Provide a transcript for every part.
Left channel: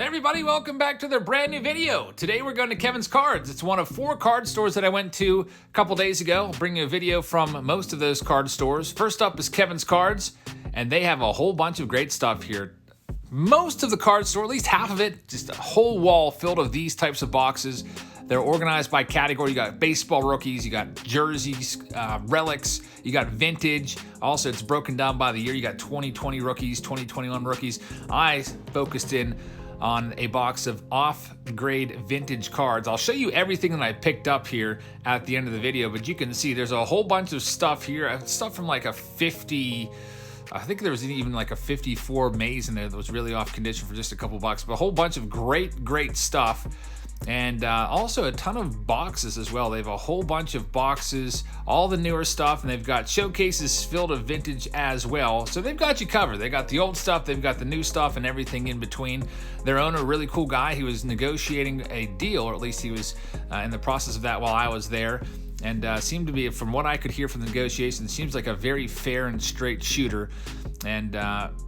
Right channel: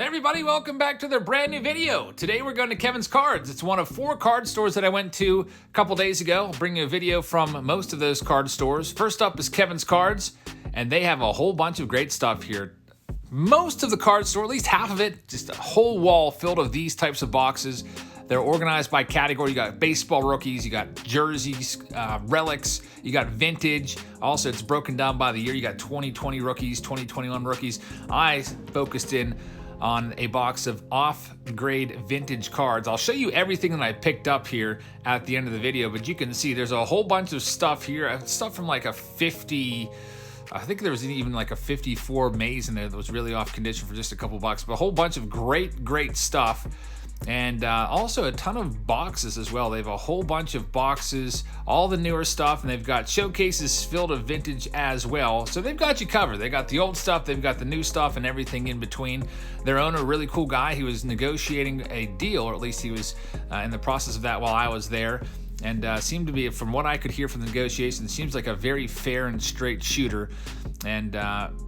Hey everybody, welcome back to their brand new video. Today we're going to Kevin's Cards. It's one of 4 card stores that I went to a couple days ago. I'll bring you a video from most of those card stores. First up is Kevin's Cards, and they have a whole bunch of great stuff here. Most of the card store, at least half of it, just a whole wall filled of these types of boxes. They're organized by category. You got baseball rookies, you got jerseys, relics, you got vintage. Also, it's broken down by the year. You got 2020 rookies, 2021 rookies. I focused in on a box of off-grade vintage cards. I'll show you everything that I picked up here at the end of the video, but you can see there's a whole bunch of stuff here. Stuff from like a 50, I think there was even like a 54 maze in there that was really off condition for just a couple bucks, but a whole bunch of great stuff. And also a ton of boxes as well. They have a whole bunch of boxes, all the newer stuff, and they've got showcases filled of vintage as well. So they've got you covered. They got the old stuff, they've got the new stuff, and everything in between. Their owner, a really cool guy. He was negotiating a deal, or at least he was in the process of that while I was there. And seemed to be, from what I could hear from the negotiations, seems like a very fair and straight shooter. And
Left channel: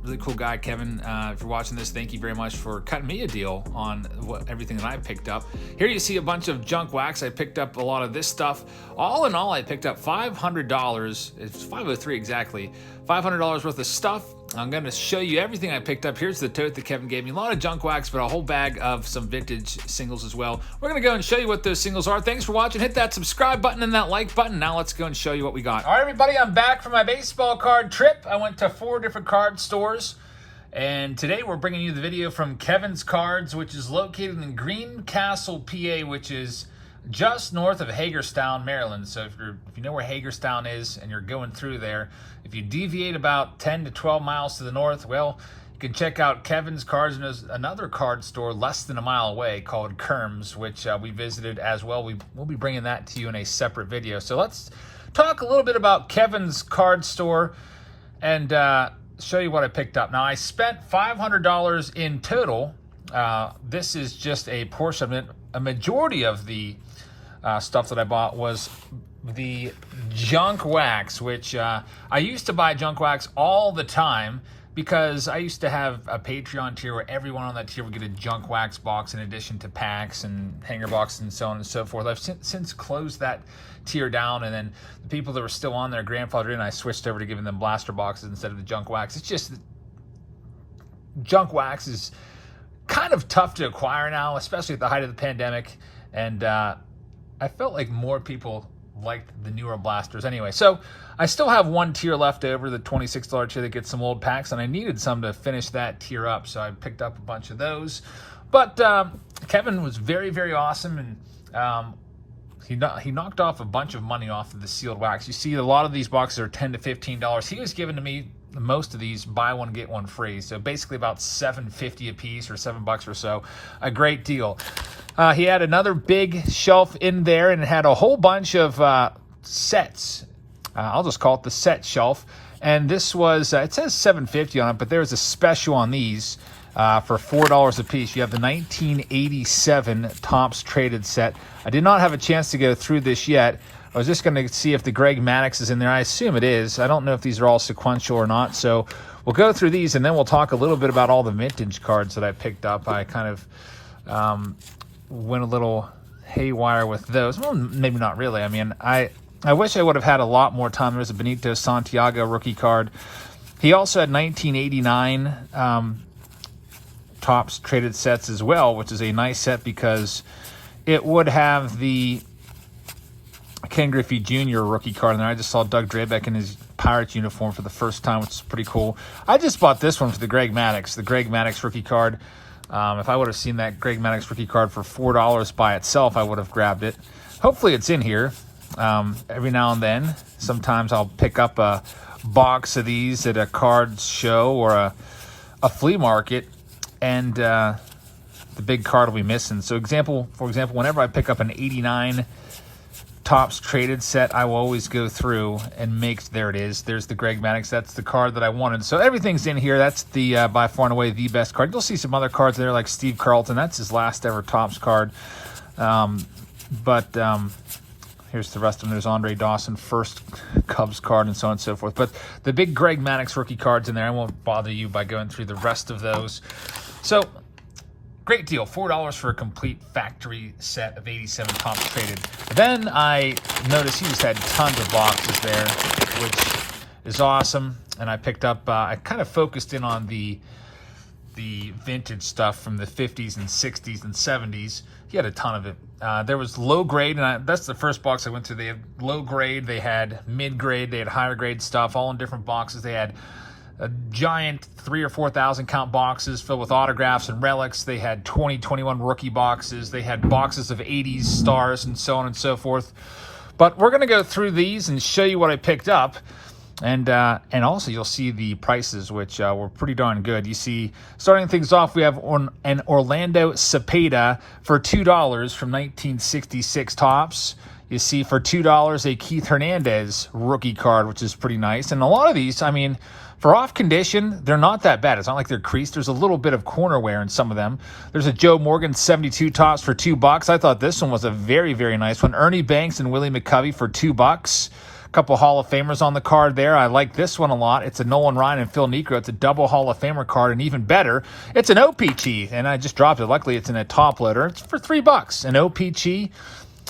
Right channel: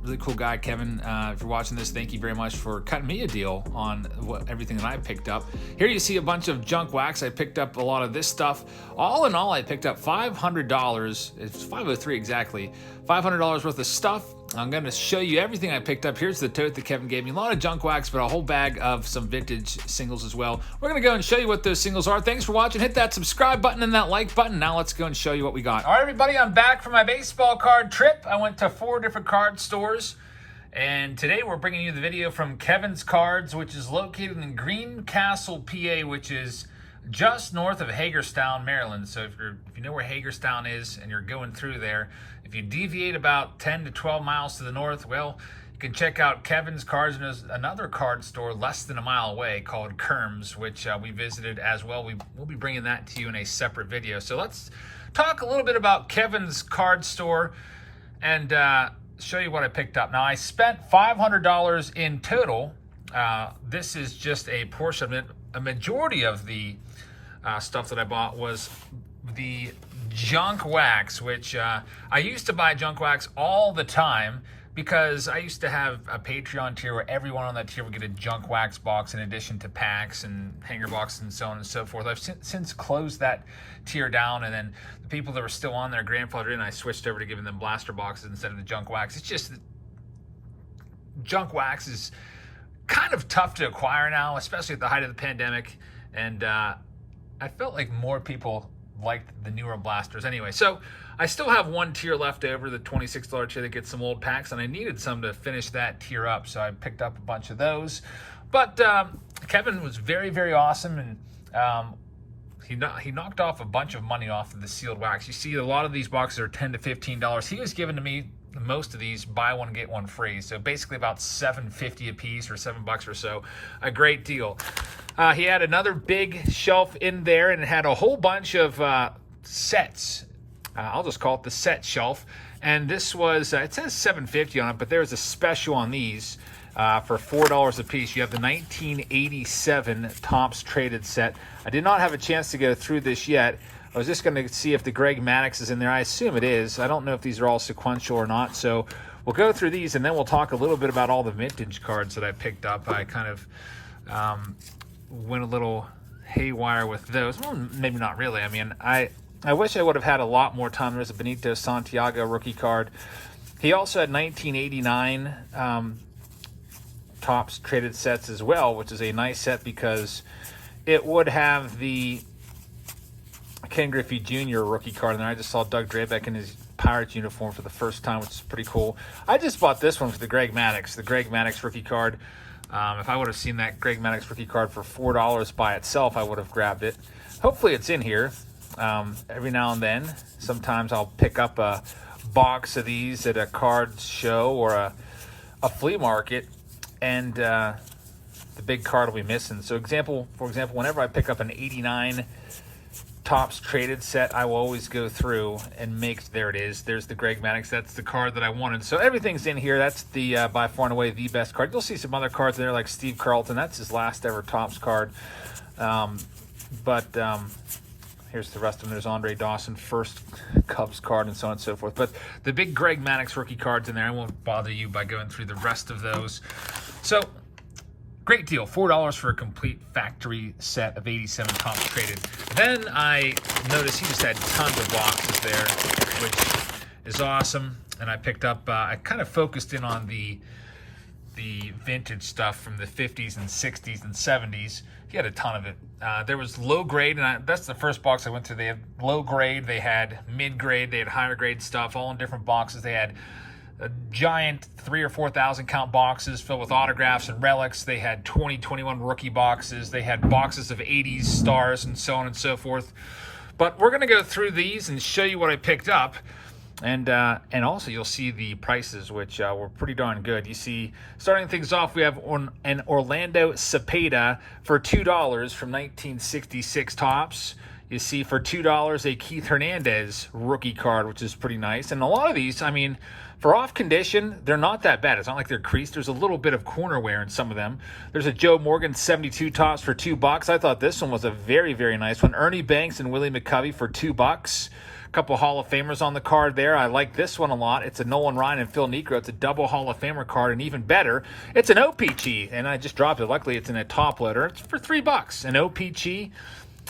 really cool guy, Kevin. If you're watching this, thank you very much for cutting me a deal on everything that I picked up. Here you see a bunch of junk wax. I picked up a lot of this stuff. All in all, I picked up $500. It's $503 exactly. $500 worth of stuff. I'm going to show you everything I picked up. Here's the tote that Kevin gave me. A lot of junk wax, but a whole bag of some vintage singles as well. We're going to go and show you what those singles are. Thanks for watching. Hit that subscribe button and that like button. Now let's go and show you what we got. All right, everybody, I'm back from my baseball card trip. I went to 4 different card stores, and today we're bringing you the video from Kevin's Cards, which is located in Greencastle, PA, which is just north of Hagerstown, Maryland. So if you know where Hagerstown is and you're going through there, if you deviate about 10 to 12 miles to the north, well, you can check out Kevin's Cards. And there's another card store less than a mile away called Kerms, which we visited as well. We'll be bringing that to you in a separate video. So let's talk a little bit about Kevin's Card store and show you what I picked up. Now, I spent $500 in total. This is just a portion of it. A majority of the stuff that I bought was the junk wax, which I used to buy junk wax all the time because I used to have a Patreon tier where everyone on that tier would get a junk wax box in addition to packs and hanger boxes and so on and so forth. I've since closed that tier down, and then the people that were still on there grandfathered in. I switched over to giving them blaster boxes instead of the junk wax. It's just junk wax is kind of tough to acquire now, especially at the height of the pandemic, and I felt like more people liked the newer blasters anyway. So I still have one tier left over, the $26 tier that gets some old packs, and I needed some to finish that tier up, so I picked up a bunch of those. But Kevin was very awesome, and he knocked off a bunch of money off of the sealed wax. You see a lot of these boxes are $10 to $15. He was giving to me most of these buy one get one free, so basically about $7.50 a piece, or $7 or so. A great deal. He had another big shelf in there, and it had a whole bunch of sets. I'll just call it the set shelf. And this was it says $7.50 on it, but there was a special on these for $4 a piece. You have the 1987 Topps Traded set. I did not have a chance to go through this yet. I was just going to see if the Greg Maddux is in there. I assume it is. I don't know if these are all sequential or not. So we'll go through these, and then we'll talk a little bit about all the vintage cards that I picked up. I kind of went a little haywire with those. Well, maybe not really. I mean, I wish I would have had a lot more time. There's a Benito Santiago rookie card. He also had 1989 Topps Traded sets as well, which is a nice set because it would have the Ken Griffey Jr. rookie card in there. I just saw Doug Drabeck in his Pirates uniform for the first time, which is pretty cool. I just bought this one for the Greg Maddux rookie card. If I would have seen that Greg Maddux rookie card for $4 by itself, I would have grabbed it. Hopefully it's in here. Every now and then, sometimes I'll pick up a box of these at a card show or a flea market, and the big card will be missing. So for example, whenever I pick up an 89 Topps Traded set, I will always go through and there it is. There's the Greg Maddux. That's the card that I wanted. So everything's in here. That's the by far and away the best card. You'll see some other cards there like Steve Carlton. That's his last ever Topps card. Here's the rest of them. There's Andre Dawson, first Cubs card, and so on and so forth. But the big Greg Maddux rookie cards in there. I won't bother you by going through the rest of those. So Great deal, $4 for a complete factory set of 87 Topps traded. Then I noticed he just had tons of boxes there, which is awesome. And I picked up, I kind of focused in on the vintage stuff from the 50s and 60s and 70s. He had a ton of it. There was low grade, and that's the first box I went through. They had low grade, they had mid grade, they had higher grade stuff, all in different boxes. They had a giant 3,000 or 4,000 count boxes filled with autographs and relics. They had 2021 rookie boxes. They had boxes of 80s stars and so on and so forth. But we're going to go through these and show you what I picked up. And also you'll see the prices, which were pretty darn good. You see, starting things off, we have an Orlando Cepeda for $2 from 1966 Topps. You see for $2 a Keith Hernandez rookie card, which is pretty nice. And a lot of these, I mean, for off condition, they're not that bad. It's not like they're creased. There's a little bit of corner wear in some of them. There's a Joe Morgan 72 Topps for $2. I thought this one was a very, very nice one. Ernie Banks and Willie McCovey for $2. A couple Hall of Famers on the card there. I like this one a lot. It's a Nolan Ryan and Phil Niekro. It's a double Hall of Famer card, and even better, it's an OPG, and I just dropped it. Luckily, it's in a top loader. It's for $3. An OPG.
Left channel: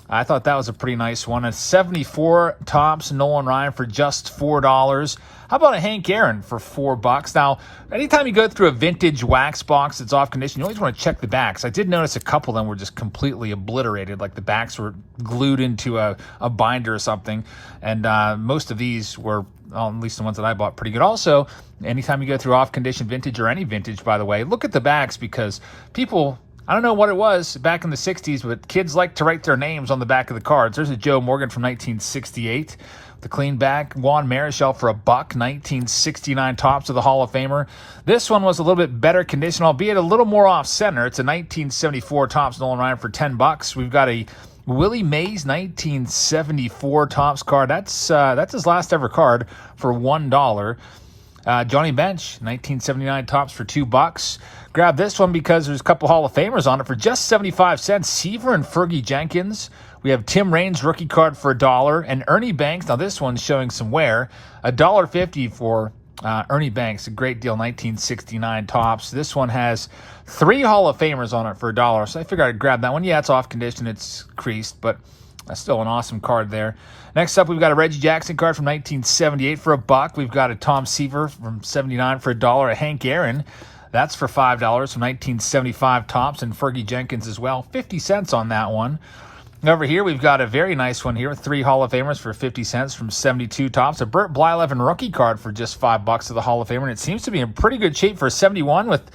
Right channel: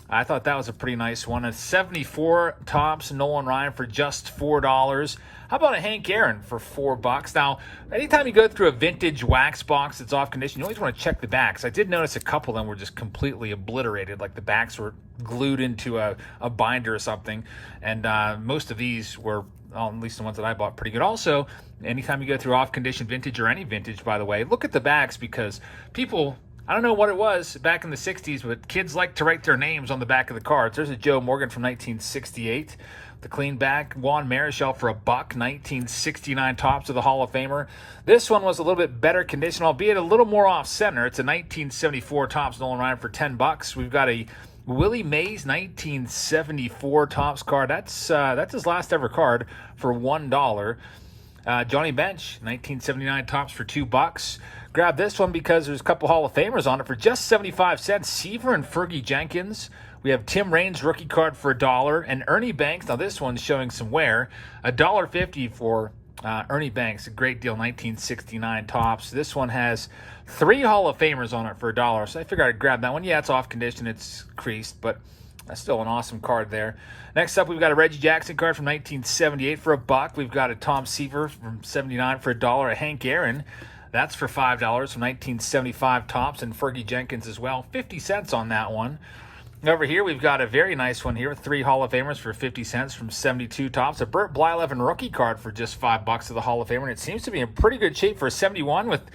I thought that was a pretty nice one. A 74 Topps Nolan Ryan for just $4. How about a Hank Aaron for $4? Now, anytime you go through a vintage wax box that's off condition, you always want to check the backs. I did notice a couple of them were just completely obliterated, like the backs were glued into a binder or something. And most of these were, well, at least the ones that I bought, pretty good. Also, anytime you go through off condition vintage, or any vintage, by the way, look at the backs, because people, I don't know what it was back in the 60s, but kids like to write their names on the back of the cards. There's a Joe Morgan from 1968, the clean back. Juan Marichal for $1, 1969 Topps of the Hall of Famer. This one was a little bit better condition, albeit a little more off center. It's a 1974 Topps Nolan Ryan for $10. We've got a Willie Mays 1974 Topps card. That's his last ever card for $1. Johnny Bench 1979 Topps for $2. Grab this one because there's a couple Hall of Famers on it for just 75 cents. Seaver and Fergie Jenkins. We have Tim Raines rookie card for $1, and Ernie Banks. Now this one's showing some wear. $1.50 for Ernie Banks. A great deal. 1969 Topps. This one has 3 Hall of Famers on it for $1, so I figured I'd grab that one. Yeah, it's off condition. It's creased, but that's still an awesome card there. Next up, we've got a Reggie Jackson card from 1978 for $1. We've got a Tom Seaver from 79 for $1. A Hank Aaron, that's for $5 from 1975 Topps, and Fergie Jenkins as well. 50 cents on that one. Over here, we've got a very nice one here with 3 Hall of Famers for 50 cents from 72 Topps. A Burt Blyleven rookie card for just $5 of the Hall of Famer. And it seems to be in pretty good shape for a 71 with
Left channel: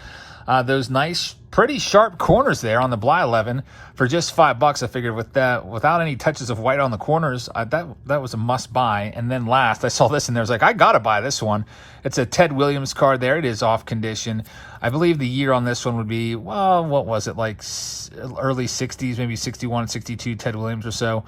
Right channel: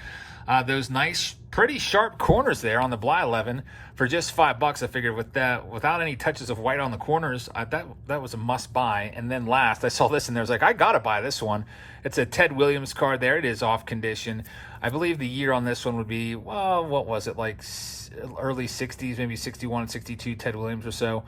those nice, pretty sharp corners there on the Blyleven for just $5. I figured with that, without any touches of white on the corners, that was a must buy. And then last, I saw this and I was like, I gotta buy this one. It's a Ted Williams card there. It is off condition. I believe the year on this one would be, well, what was it, like early 60s, maybe 61, 62, Ted Williams or so.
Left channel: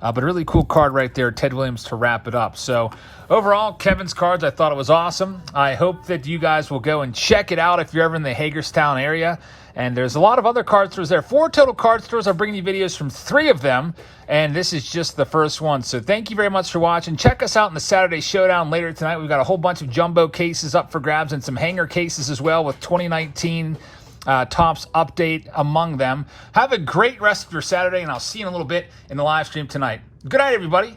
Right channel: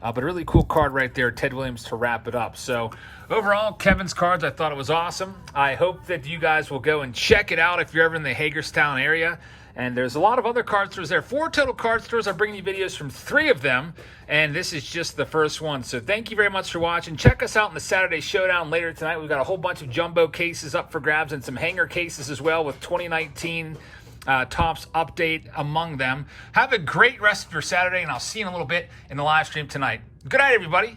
But a really cool card right there, Ted Williams, to wrap it up. So overall, Kevin's cards, I thought it was awesome. I hope that you guys will go and check it out if you're ever in the Hagerstown area. And there's a lot of other card stores there. 4 total card stores. I'm bringing you videos from 3 of them, and this is just the first one. So thank you very much for watching. Check us out in the Saturday Showdown later tonight. We've got a whole bunch of jumbo cases up for grabs and some hanger cases as well with 2019 Topps update among them. Have a great rest of your Saturday, and I'll see you in a little bit in the live stream tonight. Good night, everybody.